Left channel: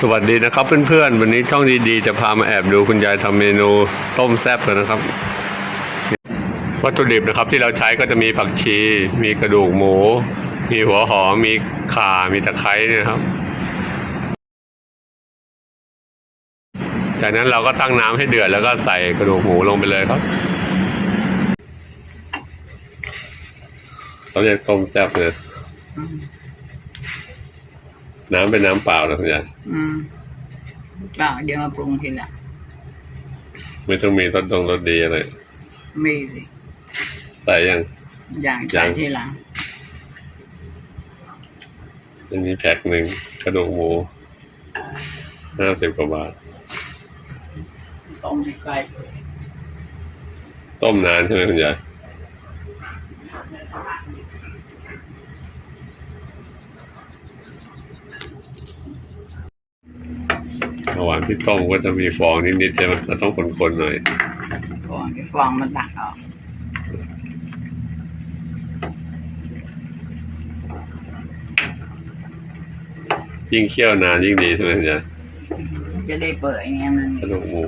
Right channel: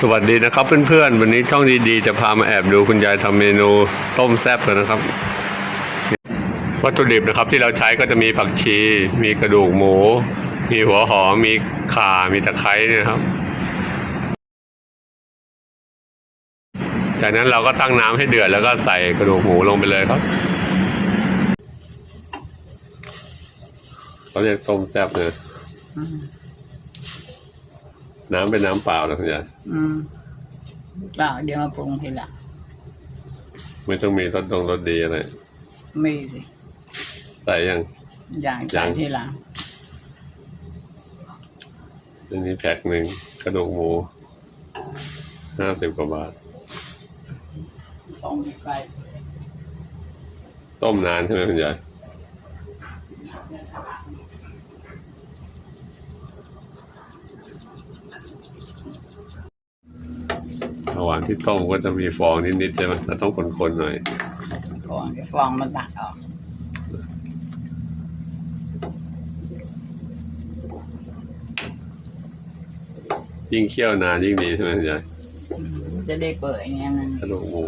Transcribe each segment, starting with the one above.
สวัสดีนะครับเพื่อนๆ วันนี้ช่องดีๆ จะพามาแอบดูคุณยายทำเมนูต้มแซ่บกันนะครับ วัตถุดิบนะครับที่เราใช้ก็จะมีผักชี มีกระดูกหมู มีหัวหอม มีข่า มีตะไคร้นี่ยครับ จากนั้นเราก็ตั้งน้ำให้เดือดแล้วก็ใส่กระดูกหมูลงไปเลยครับเขาเรียกต้มแซ่บนะ น้ำเป็นน้ำเปล่านะคุณยายอืมเปล่าเดี๋ยวมาปรุงทีหลังไม่ต้องมีรสดงรสดีอะไรไม่สิใส่ยัง อย่างยัใส่งทีหลังอันนี้แพ็คหนึ่งกระดูกหมูห้าสิบกว่าบาท ต้มให้ใกล้เลยต้มนานใช่ไหมคุณยาย ระหว่างที่ต้มก็จะมีฟองนิดๆใช่ไหมเราต้องคนๆหน่อยก่อนที่ฟองมันตักออกยิ่งเคี่ยวนานยิ่งดีใช่ไหมคุณยายจะได้เปื่อยอย่างเงี้ยนั่นกระดูกหมู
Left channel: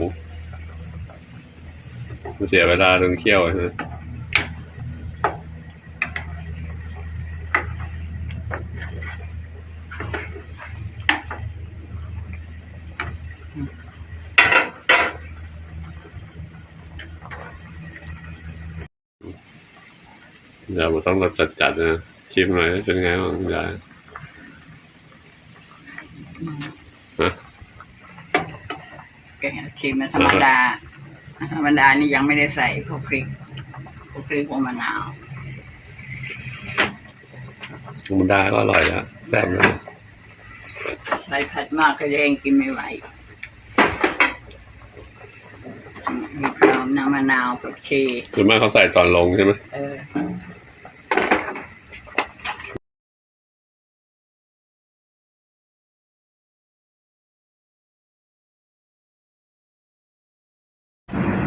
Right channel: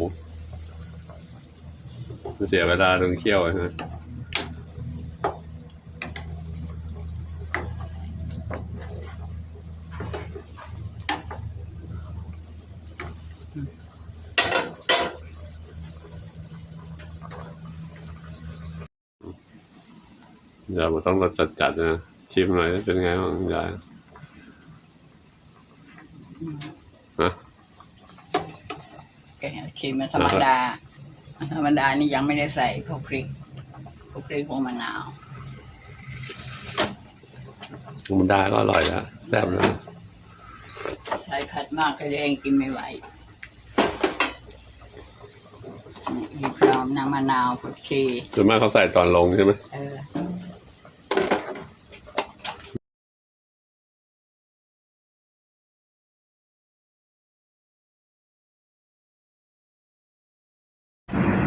มันเสียเวลาตรงเคี่ยวใช่ไหม ยวมันต้องรสจัดๆนะชิมหน่อยเป็นไงบ้างคุณยายอืมฮะแกงชิมมันธรรมดา ธรรมดานี่ยังไม่ได้ใส่พวกพริกพวกพริกพวกมะนาวธรรมดาก็อร่อยแล้วแซ่บแล้วใส่ผัดมากก็จะเองกินไม่ไหวมีพร้อมน้ำมะนาวผักชีส่วนมากเขาใส่ตอนลงใช่ไหมเออ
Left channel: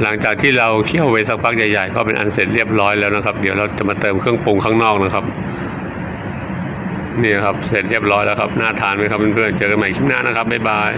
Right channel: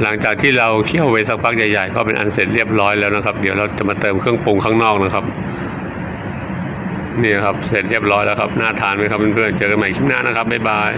หลังจากที่เราเคี่ยวไปสักพักใหญ่ๆก็เป็นอันเสร็จเรียบร้อยแล้วนะครับ เดี๋ยวเราจะมาเติมเครื่องปรุงข้างนอกนะครับนี่ครับเสร็จเรียบร้อยแล้วครับน่าทานไหมครับเพื่อนๆเจอกันใหม่คลิปหน้านะครับบ๊ายบาย